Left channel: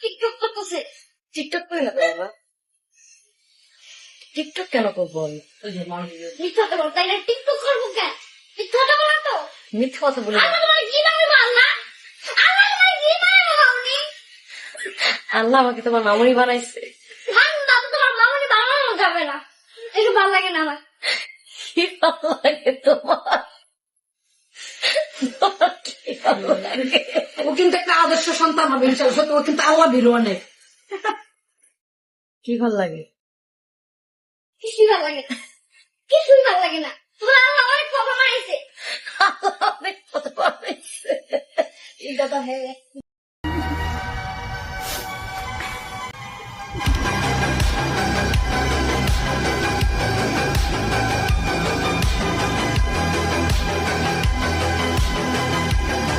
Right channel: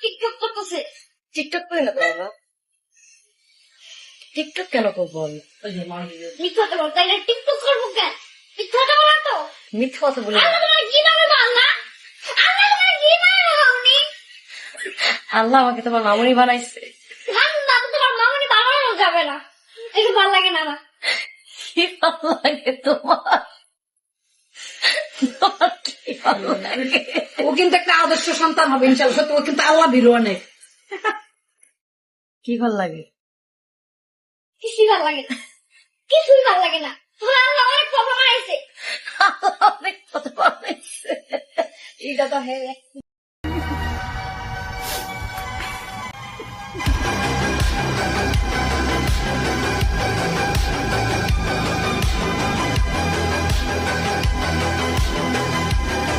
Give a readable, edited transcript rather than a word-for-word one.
TikTok করতেছে। TikTok করি না তো বাবা। টিকটক কেন করবো আমি? মিথ্যা কথা বল, তাই না? টিকটক করবো কেন? মিথ্যা কথা বলো তো। মিথ্যা কথা বলি না। আল্লাহ তোমার কি নামে আল্লাহ? আল্লাহ তোমার কি নামে মামনি? আল্লাহ আমাকে তোমার মামুনি বানাইছে। ঠান্ডা তো তোমার মামনি বানানো যাবে না। একটু ভালো লাগে না আমার। কি ভালো লাগে তোমার? তোমার কি ভালো লাগে? ও কিন্তু একটা আদর্শ সন্তান হবে ইনশাল্লাহ। সত্যি ও কিন্তু আল্লাহ ভীরু অনেক। কি ভালো লাগে? কিছুই ভালো লাগে না। কিছুই ভালো লাগে না। তোমার আল্লাহ অনেক কথা বানাইছে। আল্লাহ অনেক কথা বানাইছে। এটা তো হ্যাঁ